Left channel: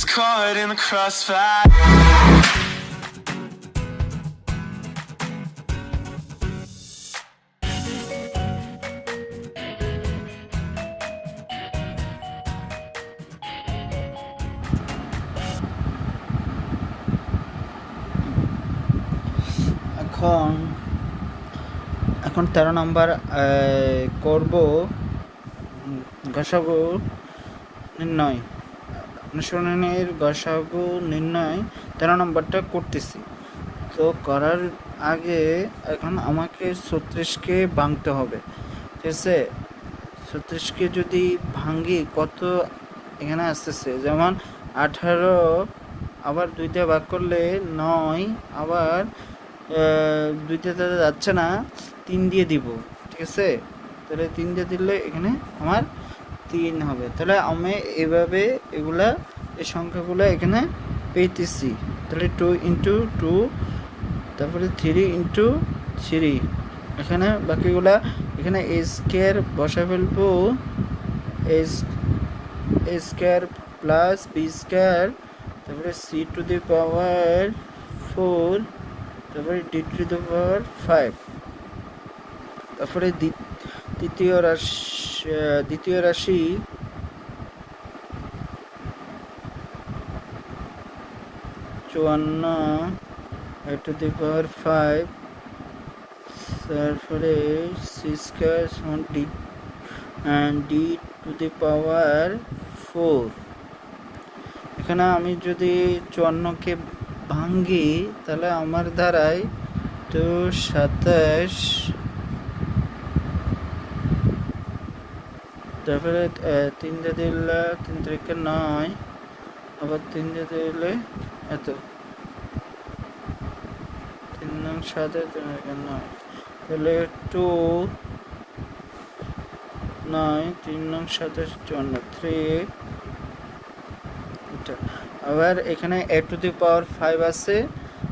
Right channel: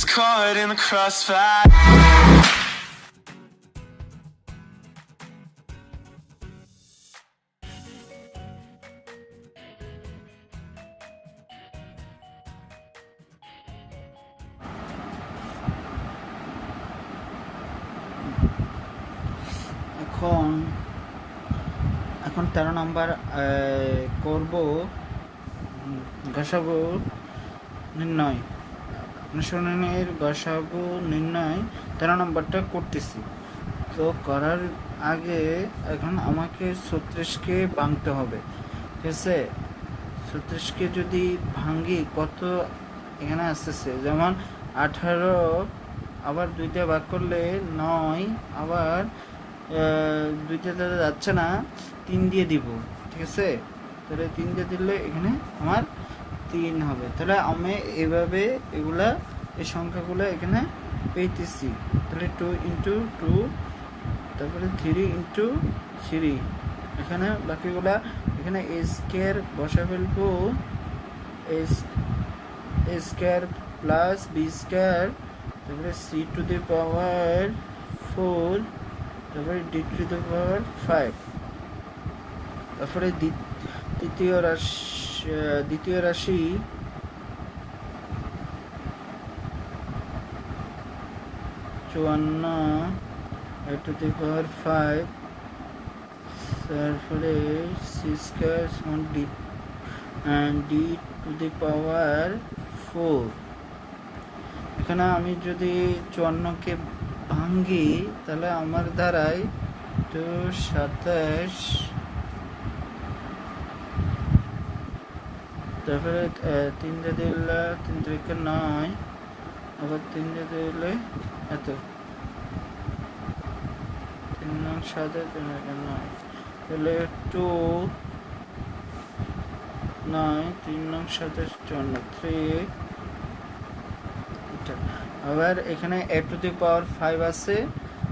gets caught in the crossfire. এখন 13 নম্বর করব গসাগু নির্ণয়। অনুশীলনের গসাগু নির্ণয় 13 নম্বরটা করতেছি। তো করার আগে এখন আমাকে 36কে ভাঙতে হবে, ঠিক আছে? 36কে যদি ভাঙি কত এখানে আসতেছে, যেমন 18 আবার 2 দিয়ে ভাগ করলে 9, আবার 2 দিয়ে যাচ্ছে না, 3 দিয়ে দিব, ঠিক আছে? তাহলে 3 দিয়ে দিলে এখানে আমার 3 হবে। তাহলে আমি এভাবে এগুলা এই সংখ্যাগুলো এখানে পেতেছি। তাহলে 2 × 2, তারপরে 3 × 3, এখানে বাকিগুলা এখানে a স্কয়ার বসা ফেলবো, a square plus b square, তারপরে c টু দি পাওয়ার 4, তারপরে d টু দি পাওয়ার 5, তারপরে দ্বিতীয় রাশি 54 টু দি পাওয়ার 5, তারপরে c স্কয়ার সমান d টু দি পাওয়ার 4। এখানে আমি যদি 54কে ভাঙ্গি তাহলে আমার দ্বারাই তো 27, তারপরে 3 দিয়ে দিলে 3 3 9, আবার 3 দিয়ে দিলে এত 3 9 7 3 9, তাহলে 2 9 3 9 7 3। আবার এখানে a টু দি পাওয়ার 5 আছে,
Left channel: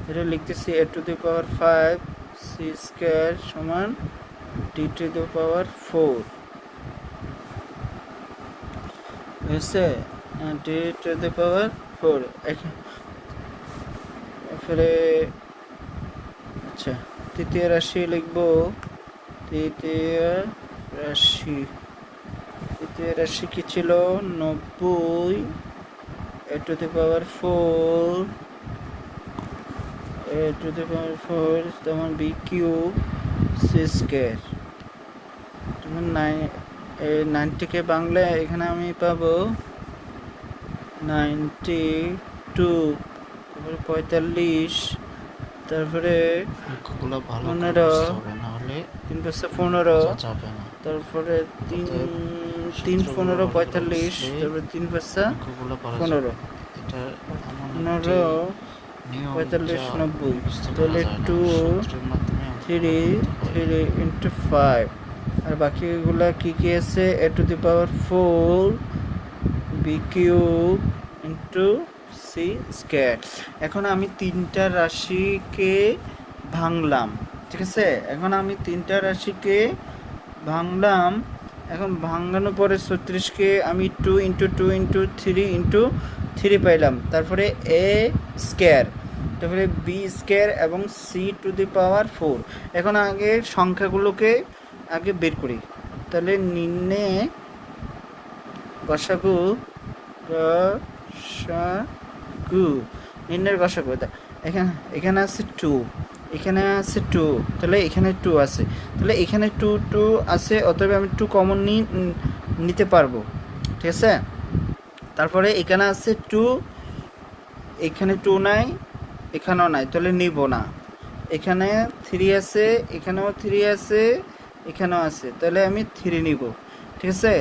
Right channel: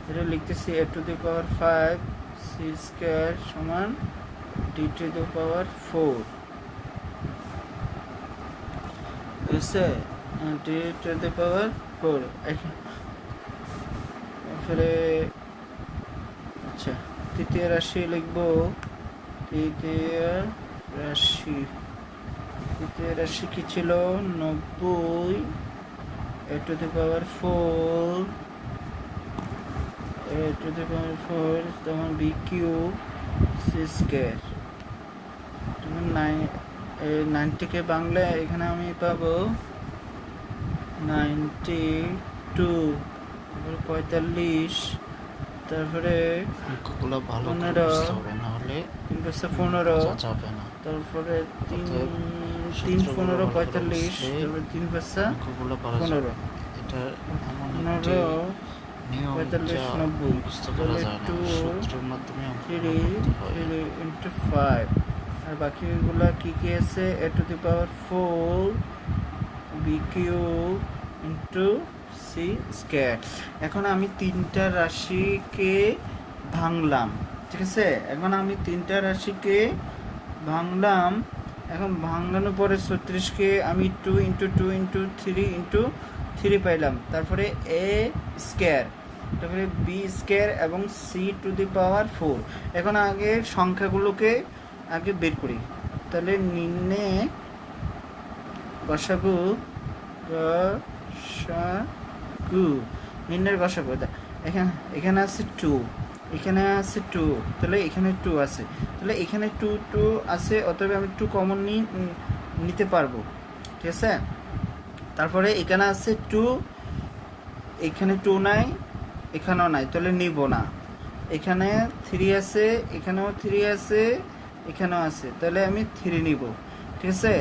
এটা লিখতেছি a to the power 5 c square সমান d টু দি পাওয়ার 4, এসে d টু দি পাওয়ার 4। তারপরে আচ্ছা তৃতীয় রাশি লিখবো, তৃতীয় রাশি কি ছিল? 90 a to the power 4, a to the power 4, তখন b কিউব c স্কয়ার। 90কে বাংলা এখানে আমি পাবো 92, তারপরে 45, তারপরে অঙ্কগুলো ভালো করে বুঝতে হবে, না হলে 3 × 15, যাবে না। তারপরে 3 15 45, তারপরে 3 × অঙ্কগুলো 15, এটা এমন একটি 15 নিয়ম 45 যা 90, মুখস্থ করা তাহলে যায় না, 2 সূত্রের মাধ্যমে অঙ্কগুলো 3 করতে হয়। 3 × 5। আর বাকিগুলো কি কি আছে? a to the power 4 b cube into c square. এখন আমি 3টা রাশিকে ভাঙলাম, ঠিক আছে? এখন আমি 3টা রাশিকে ভাঙলাম। এখন ভাঙানোর পরে 36কে আমি 2 × 2 × 3 × 3 পাইলাম, তারপরে a স্কয়ার, তারপরে b স্কয়ার এবং c টু দি পাওয়ার 4। এখন আগে সংখ্যাগুলোকে আগে বের করি। তাহলে নিম্নে গসাগু নিম্নের গসাগু এখানে আছে 2, এখানে আছে 2, তাহলে এখানে 2 আছে, তাহলে এখানে 2 আছে, অতএব আমি 2 কমন নিতে পারবো, ঠিক আছে? তারপরে এখানে আছে 2, এখানে 2 নাই, এখানেও নাই, তাহলে নিব না। এখানে 3 আছে, এখানেও 3 আছে, এখানেও আছে, তাহলে আমি 3 নিব, ঠিক আছে?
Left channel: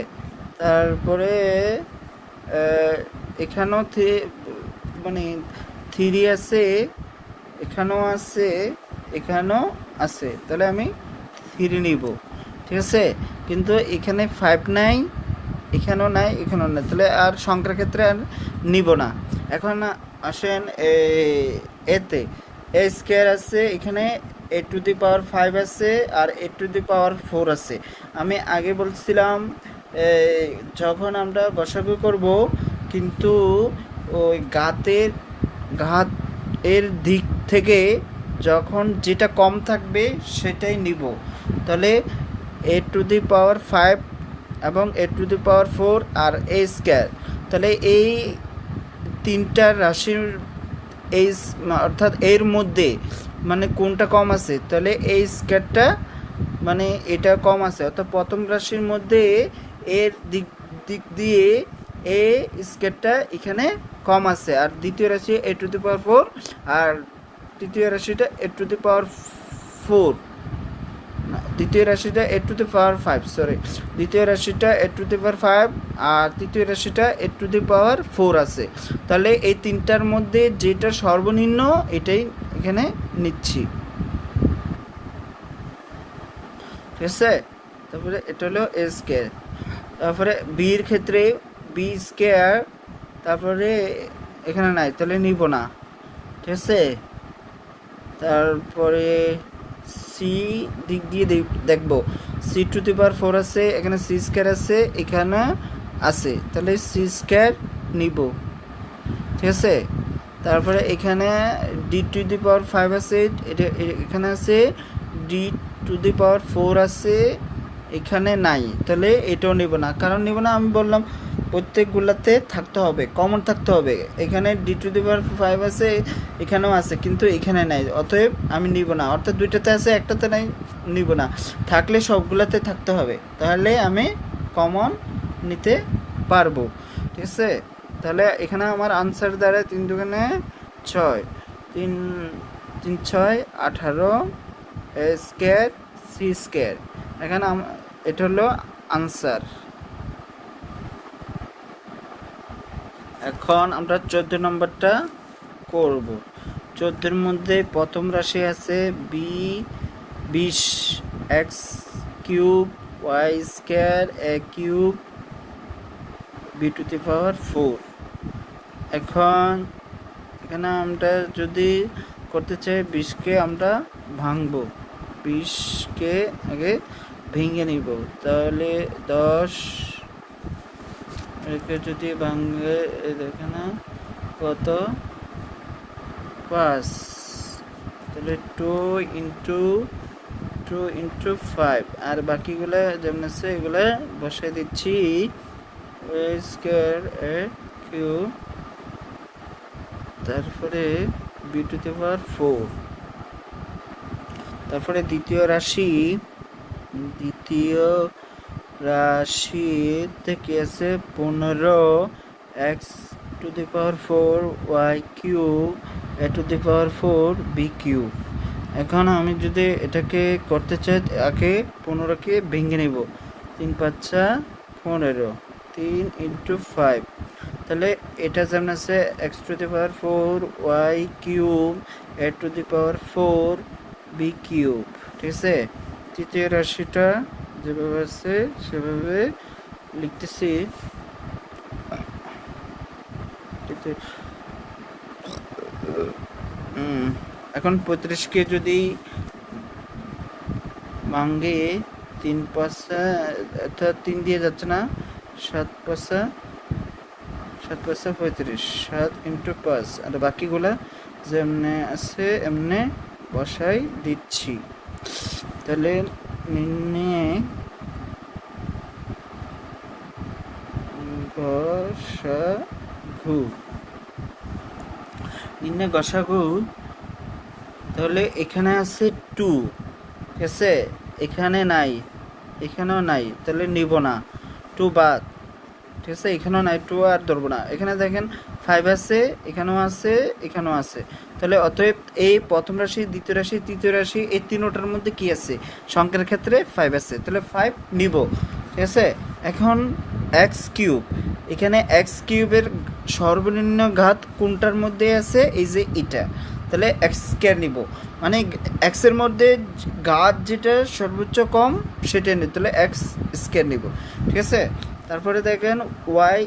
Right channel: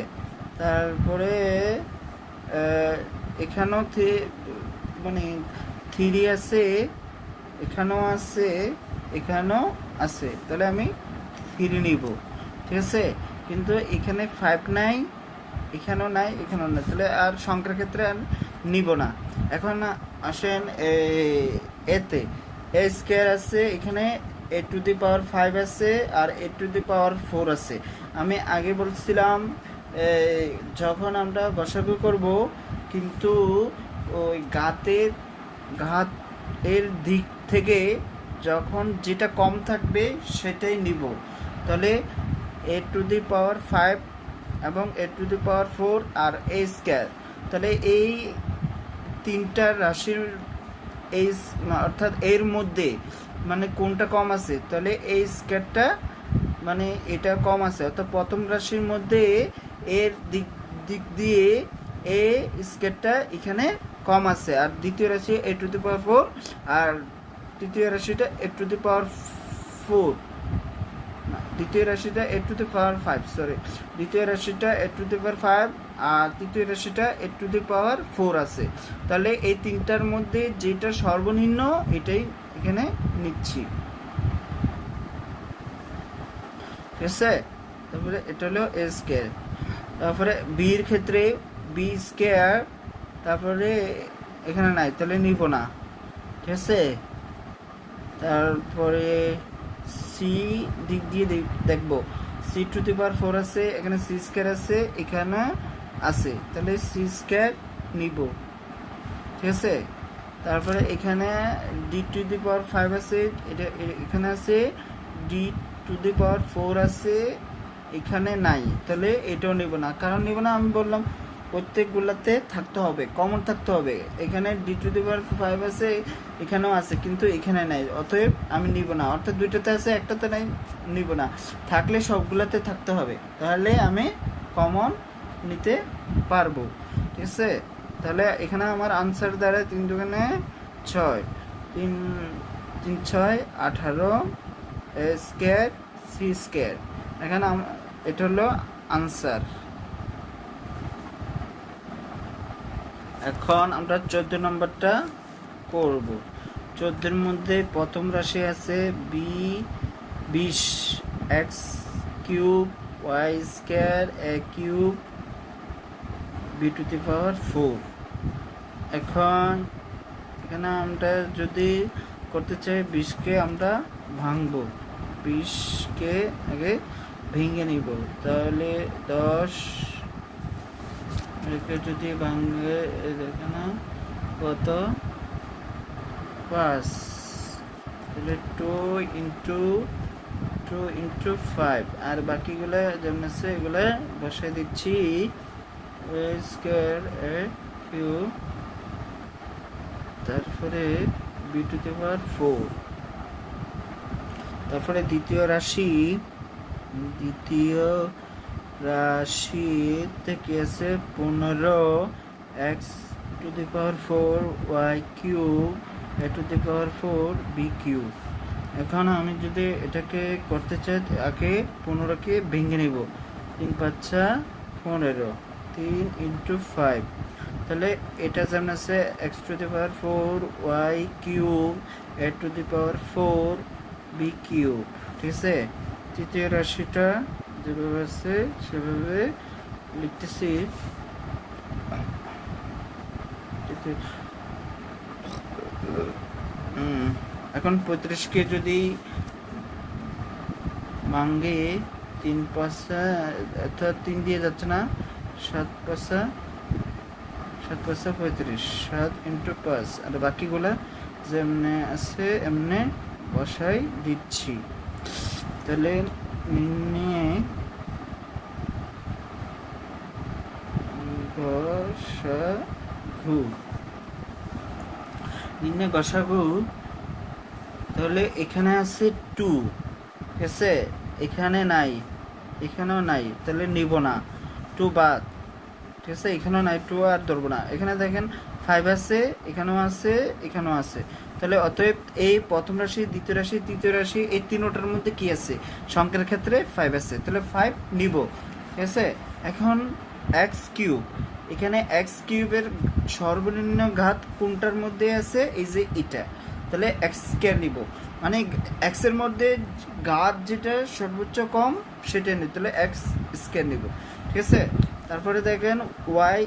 তারপরে এখানেও মানে 3 আছে, এখানেও আছে, এখানেও আছে, তাহলে আমি 3 নিব, ঠিক আছে? কিন্তু এখানে 5 নাই, এখানেও নাই, এখানেও নাই, তাহলে আর সংখ্যার ক্ষেত্রে আর নিব না। এখন আসেন এতে a স্কয়ার আছে, এখানে a টু দি পাওয়ার 5 আছে, আর a টু দি পাওয়ার 4 আছে। আমি আগে বলছিলাম যখন আমরা গসাগু করব কিন্তু ওই ঘাত এর দিক থেকে যখন যেটা কম থাকবে সেটাই নিব। তাহলে a⁵ এবং a⁴ আর a স্কয়ার, তাহলে এই তিনটা রাশির এই অর্থাৎ এর মধ্যে মানে কোনটা কম আছে, তাহলে এই স্কয়ারটা মানে এটা কম আছে, অর্থাৎ প্রথম রাশির মধ্যে এর দিক দিয়ে এ স্কয়ারটা এখানে কম আছে, আর দ্বিতীয় রাশি a⁴ আর তৃতীয় রাশিটা a⁴ দ্বিতীয় রাশিটা a⁵ সরি, দ্বিতীয় রাশিটা a⁵ আর তৃতীয় রাশিটা a⁴ আছে। তাহলে এই তিনটার মধ্যে যেটা সর্বনিম্ন এটাই এখানে নিচ্ছি, ঠিক আছে। তারপরে এটা হলো a স্কয়ার। তারপরে বির ক্ষেত্রে b স্কয়ার, তারপরে এখানে নাই তাহলে নিব না, ঠিক আছে। তারপরে সি দিক দিয়ে দেখব, c⁴ আছে, এখানে c স্কয়ার আছে, এখানে আছে, তাহলে c স্কয়ার নিব, ঠিক আছে। তারপরে এখানে d⁵ আছে, এটা এখানে আছে, d⁴ আছে, এখানে নাই, তাহলে এটাও নিব না। কারণ নিব না, আমি বললাম প্রত্যেকগুলোতে থাকতে হবে, কমন থাকতে হবে। এখানে d⁵ আছে, এখানেও আছে, কিন্তু এখানে নাই, অতএব আমি নিব না। অর্থাৎ দুইটাতে আছে, একটাতে নাই, নিব না। থাকলে সবগুলোতে থাকতে হবে, তাহলে আমি কমন নিতে পারবো, ঠিক আছে। তাহলে এখানে আমার আনসার দ্বারা 3 দুগুণে 6, 3 3 6 18 a স্কয়ার c স্কয়ার। এখানে এটা হলো আনসার। এখন আমরা 14 নম্বরটা করব। 14 মধ্যে প্রথম রাশি আছে b20 x³ y square a³ b⁴ এখন এখানে আমরা যদি করতে চাই 20কে আমরা ভাঙবো, 20কে আগে ভেঙে নিব, তাহলে 10 একে যদি ভাঙে এখানে কত 5, তাহলে 2 ইন্টু 5, আর বাকিগুলো যেমন আছে এগুলো বসাই দিচ্ছি। a স্কয়ার a³, তারপরে b⁴, তারপরে দ্বিতীয় রাশিতে কি আছে 15 x⁴ y³ a⁴ b³। এখন আমি যদি এটাকে করতে চাই আগে 15কে ভেঙে নিব, 3 5 15, 3 ইন্টু 5, তাহলে এটা যেমন আছে x⁴ y³ a⁴ b³, ঠিক আছে। তৃতীয় রাশিটা যেভাবে আছে সেভাবে লিখতেছি। এখন 35কে যদি ভাঙে 3 5 অর্থাৎ 3 দিয়ে যাচ্ছে না, 7 5 35, 7 ইন্টু 5, আর বাকিগুলা যেমনে আছে এমনি বসাই দিচ্ছি। তাহলে নির্ণয়ে গসাগু, তাহলে এখানে আছে 2, ঠিক আছে, এখানে নাই, এখানেও নাই, তাহলে নিব না, 2 বাদ, ঠিক আছে। এখানেও নাই, 2 আর ধরবো না। এখানে দেখেন 5 আছে, এখানেও আছে, এখানেও আছে, তাহলে অতএব এই প্রথম রাশি, দ্বিতীয় রাশি, তৃতীয় রাশি, এই তিনটার মধ্যে কি আছে, সংখ্যার ক্ষেত্রে 5 আছে, তাহলে 5 নিব, ঠিক আছে। এখন x³ এখানে x³ এর সর্বনিম্ন ঘাত কোনটার মধ্যে আছে, এই যে এটা, তাহলে x² নিব, মানে x এর মধ্যে ঘাত যেটা সর্বোচ্চ কম সেটা নিব, তাহলে x² নিব, ঠিক আছে। তারপরে দেখেন y²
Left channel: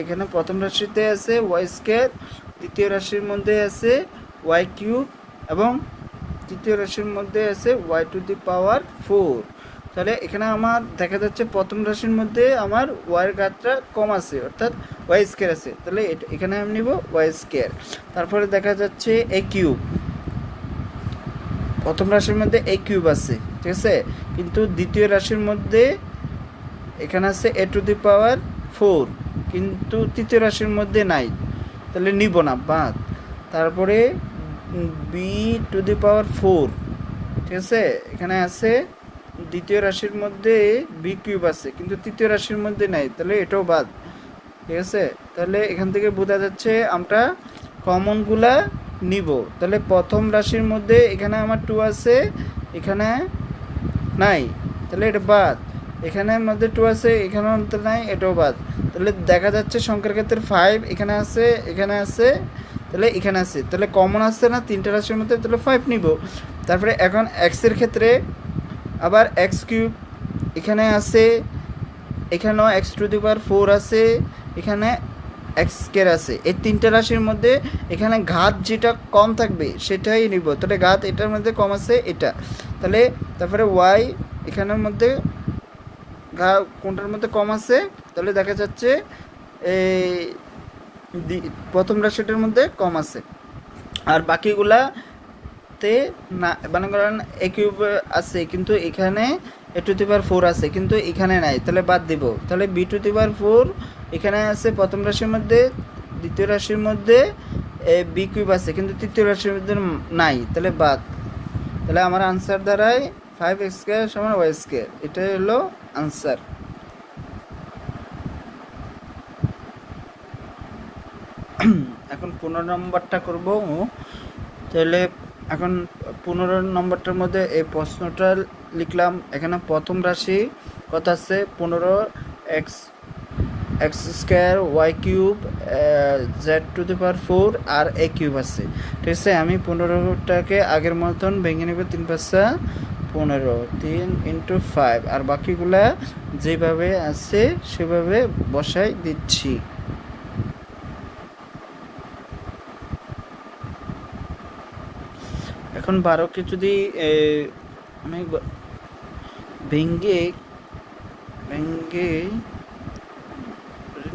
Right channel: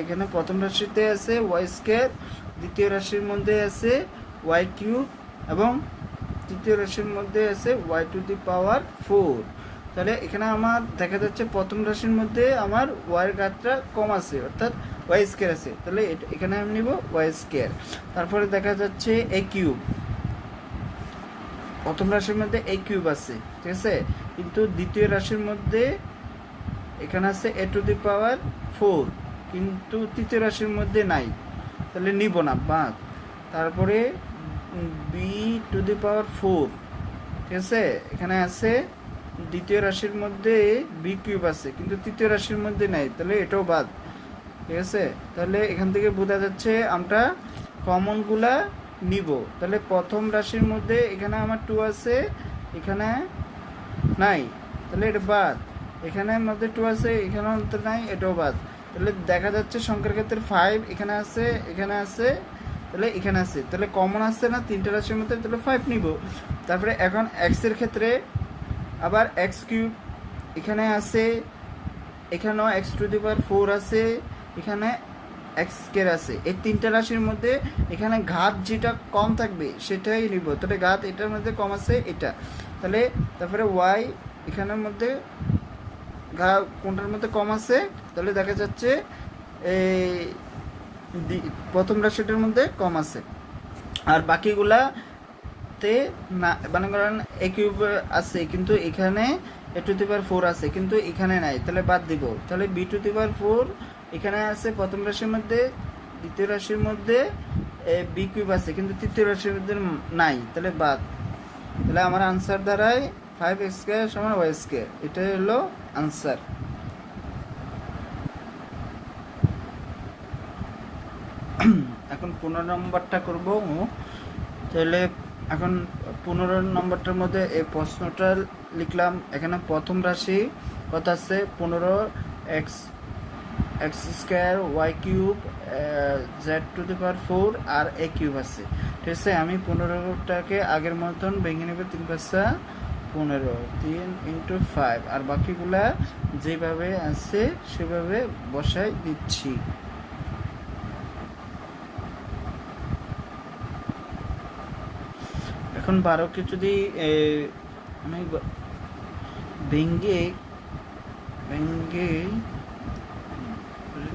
এখানে প্রথম রাশিতে আছে y², দ্বিতীয় রাশির মধ্যে আছে y³ এবং তৃতীয় রাশির মধ্যে আছে y⁴। তাহলে এখানে আমার দেখা যাচ্ছে প্রথম রাশির মধ্যে আমার y এর ঘাতটা কম আছে, অর্থাৎ ওয়াই স্কোয়ার আছে, তাহলে এখানে আমি নিব ওয়াই স্কোয়ার। তারপরে দেখা যাচ্ছে এ কিউব, প্রথম রাশির মধ্যে এ কিউব আছে, ঠিক আছে, কিন্তু দ্বিতীয় রাশির মধ্যে এখানে আছে এ টু দি পাওয়ার 4, কিন্তু তৃতীয় রাশির মধ্যে নাই, তাহলে নিব না, বাদ। তারপরে বি টু দি পাওয়ার 4, ঠিক আছে, এখানে আছে দ্বিতীয় রাশির মধ্যে বি কিউব আছে, কিন্তু তৃতীয় রাশির মধ্যে নাই, তাহলে এটাও বাদ, ঠিক আছে। তাহলে এখান থেকে বোঝা যাচ্ছে আমরা কমনগুলা নিব। তাহলে প্রথম রাশির মধ্যে এখানে আমার 2 আছে, এখানে নাই, তাহলে এটা বাদ। এখানে মধ্যে 2 আছে, এখানে মধ্যে নাই, এটাও বাদ। তাহলে দেখা যাচ্ছে সংখ্যার ক্ষেত্রে 5 এখানে আছে, এখানে আছে, তাহলে এখানে আছে, তাহলে কমন আসছে না তিনটা রাশির মধ্যে, তাহলে 5 নিব। তারপরে এখন এক্সের ক্ষেত্রে আবার এক্স কিউব এখানে আছে, এখানেও এক্স টু দি পাওয়ার 4 আছে, এখানে এক্স স্কোয়ার আছে। এই তিনটা রাশির মধ্যে এখানে ঘাত যেটা কম থাকবে সেটাই নিব, তাহলে ঘাত এটার মধ্যে কম আছে এটা, তাহলে তারপরে ওয়াই এখানের মধ্যে কোনটার মধ্যে কম আছে, তাহলে দেখা যাচ্ছে এই প্রথম রাশিটার মধ্যে কম আছে, আর বাকিগুলাতে না, মানে করেন এ কিউব আছে কিন্তু এখানে এ টু দি পাওয়ার 4 আছে কিন্তু এখানে নাই, তাহলে বাদ দিব। তাহলে বি টু দি পাওয়ার 4 এখানে আছে প্রথম রাশির মধ্যে, দ্বিতীয় রাশির মধ্যে বি কিউব আছে কিন্তু তৃতীয় রাশির মধ্যে নাই, তাহলে বাদ। তাহলে আমার আনসার দাঁড়ায় 5x স্কোয়ার সমান ওয়াই স্কোয়ার, এটাই হলো আনসার। এখন 15 নম্বরটা করব। তাহলে এখন 15 নম্বরটার মধ্যে এই প্রশ্নটা লিখলাম। এখানে প্রথম রাশি কত আছে 15x x square y cube z to the power 4 আর এ কিউব আছে, ঠিক আছে। আমি 15টাকে আগের মতন ভেঙে নেব, 3 5 15, 3 × 5, আর বাকিগুলা যেভাবে আছে সেভাবে বসাই দিচ্ছি। এখন 12কে যদি আমি ভেঙে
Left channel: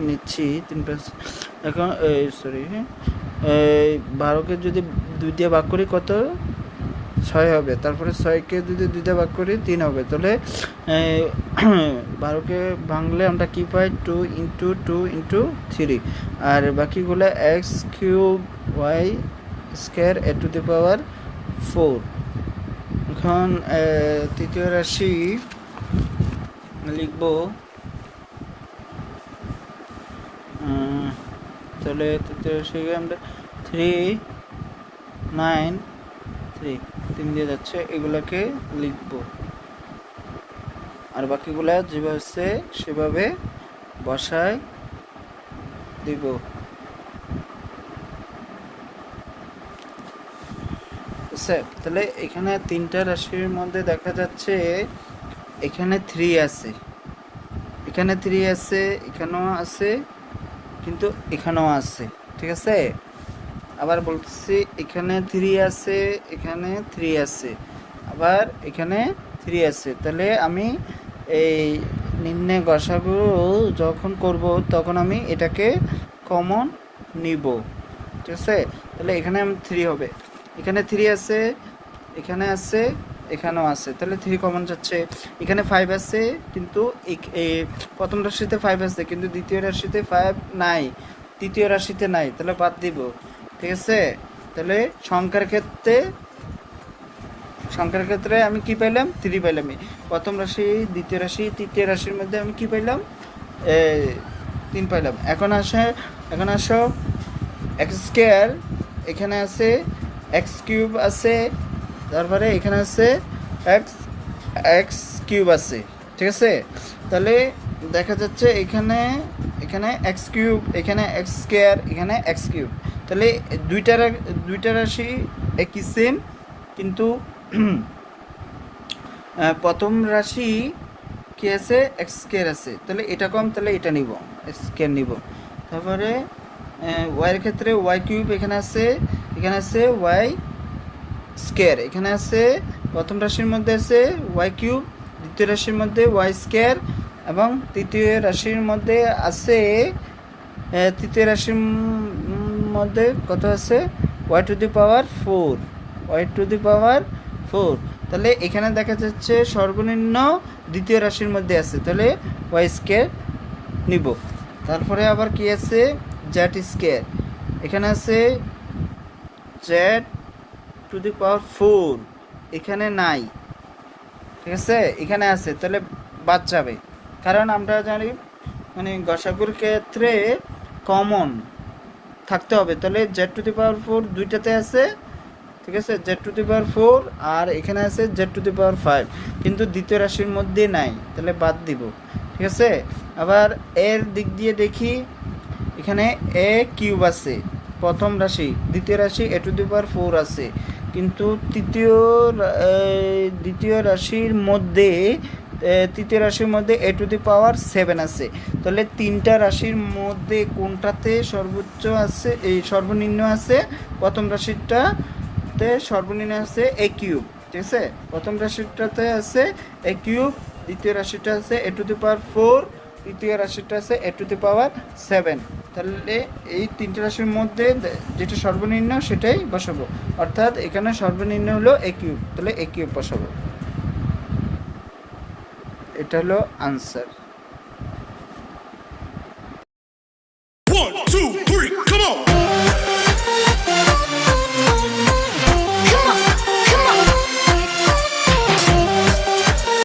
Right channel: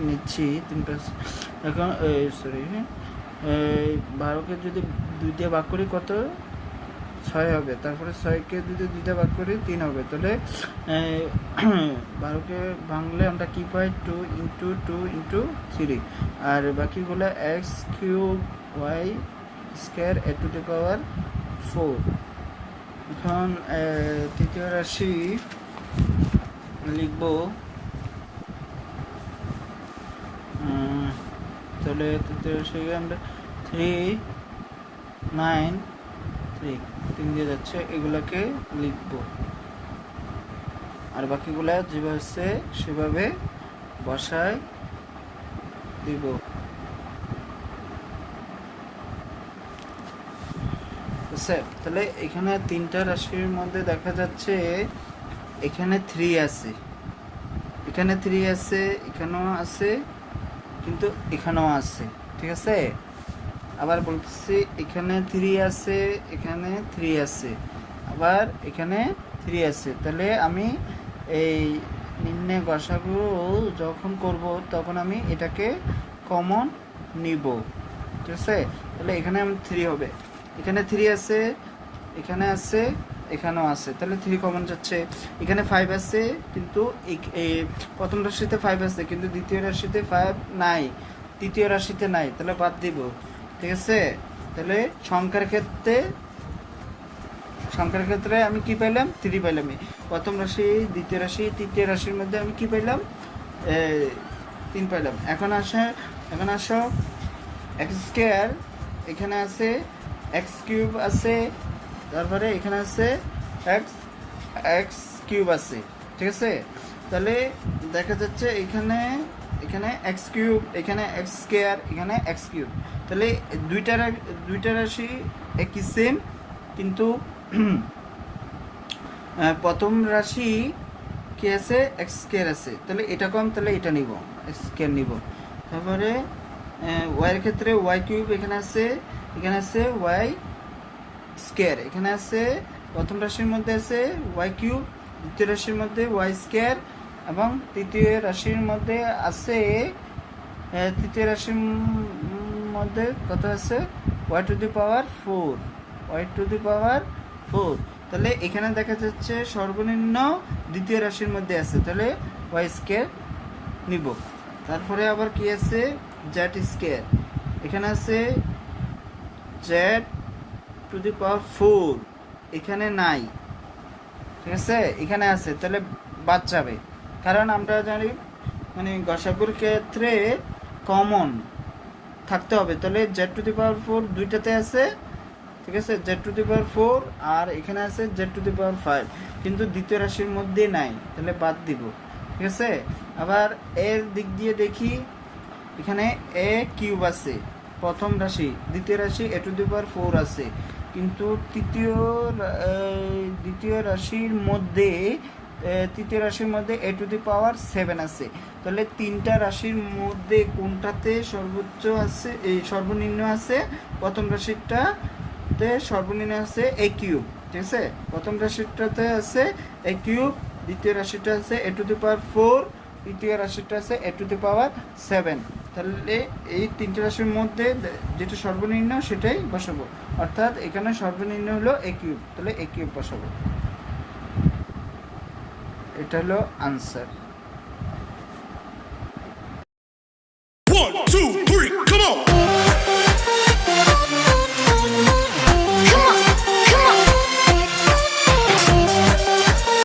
নিচ্ছি 3 5, এখন সরি 12কে যদি 2 দিয়ে ভাগ করি কত 6 হবে, তারপরে 6কে যদি 2 দিয়ে ভাগ করি 3 হবে, তাহলে 12কে ভাঙলে আমরা কি পাই 2 × 2 × 3, আর বাকিগুলো x cube y square a to the power 4। এখন তৃতীয় রাশি লিখব, তাহলে তৃতীয় রাশিকে আমরা 3 9 3 দিয়ে যাচ্ছে, এগুলোকে লিখব, আর বাকিগুলা যেভাবে আছে সেভাবে বসায় দিব। তাহলে এখানে তিনটা রাশির মধ্যে দেখা যাচ্ছে এখানে 3 আছে, এখানে 3 আছে, এখানেও আছে, কিন্তু এখানেও আছে, ঠিক আছে। আবার বলতেছি এখানে 3 আছে, এখানে 3 আছে, আবার এখানে 3 আছে। তাহলে আমি এই নির্ণয় গসাগু যখন করব তখন আমি এটাকে কমন নিব, ঠিক আছে। তাহলে এখানে 3 হবে, এখানে 3 আছে, এখানে আছে, এখানেও আছে, তাহলে 3 কমন যাচ্ছে। এখানে 5 আছে, কিন্তু প্রথম রাশিতে 5 আছে কিন্তু দ্বিতীয় রাশিতে 5 নাই, তৃতীয় রাশিতে নাই, তাহলে বাদ দিব, ঠিক আছে। তাহলে সংখ্যার ক্ষেত্রে আমি কি পাইলাম 3 পাইলাম, প্রথম রাশি দ্বিতীয় রাশি তৃতীয় রাশির মধ্যে আমি কি পাইলাম 3 পাইলাম। এখন আসো এক্স স্কোয়ার, এখানে আছে এক্স কিউব আছে, তারপরে এখানে আছে এক্স কিউব আছে, ঠিক আছে। তাহলে দেখা যাচ্ছে এখানে এক্স কিউব, এখানে এক্স স্কোয়ার, এখানে এক্স কিউব, তাহলে দুইটা রাশি একই সেম, কিন্তু প্রথম রাশি কি আছে এক্স স্কোয়ার আছে, তাহলে এটা কম, তাহলে এটা নিব, এক্স স্কোয়ার নিব। তারপরে ওয়াইয়ের ক্ষেত্রে ওয়াই কিউব এখানে আছে ওয়াই স্কোয়ার, এখানে আছে প্রথম রাশির মধ্যে আছে ওয়াই কিউব, দ্বিতীয় রাশির মধ্যে ওয়াই স্কোয়ার, এবং তৃতীয় রাশির মধ্যে আছে তৃতীয় রাশির মধ্যে কত আছে y to the power 4, y to the power 4। তাহলে এখানে দেখা যাচ্ছে সর্বনিম্ন দ্বিতীয় রাশির মধ্যে আছে, তাহলে ওয়াই স্কোয়ার নিব। তারপরে আবার কি আছে জেড স্কোয়ার, এখানে আছে জেড টু দি পাওয়ার 4, এখানে নাই, ঠিক আছে, এখানে আছে, তাহলে বাদ যাবে। কারণ আমরা জানি মানে গসাগুর ক্ষেত্রে কমন থাকতে হবে, তাহলে জেড টু দি পাওয়ার 4 দুইটাতে আছে, ঠিক আছে, জেড টু দি পাওয়ার 4 আর এখানে আছে জেড টু দি পাওয়ার 5, কিন্তু দ্বিতীয় রাশির মধ্যে নাই, তাহলে বাদ দিব, ঠিক আছে। আবার এর দিক দিয়ে দেখি, এখানে এ কিউব আছে প্রথম রাশি, দ্বিতীয় রাশি এ টু দি পাওয়ার 4 আছে, কিন্তু দ্বিতীয় রাশির মধ্যে তৃতীয় রাশির মধ্যে এ টু দি পাওয়ার 7 আছে। তাহলে তিনটা রাশির মধ্যে কোনটাতে সর্বোচ্চ আছে, এই সর্বনিম্ন আছে প্রথম রাশিটাতে, সর্বনিম্ন আছে এ কিউব, ঠিক আছে, প্রথম রাশিটাতে আছে এ কিউব, দ্বিতীয় রাশিটা আছে এ টু দি পাওয়ার 4, তৃতীয় রাশিটা আছে এ টু দি পাওয়ার 7। তাহলে এই তিনটে রাশির মধ্যে যেটা সর্বনিম্ন সেটাই বসাবো, অর্থাৎ এখানে সর্বনিম্ন হলো এ কিউব, তাহলে এ কিউব বসাবো, এটা হলো আনসার।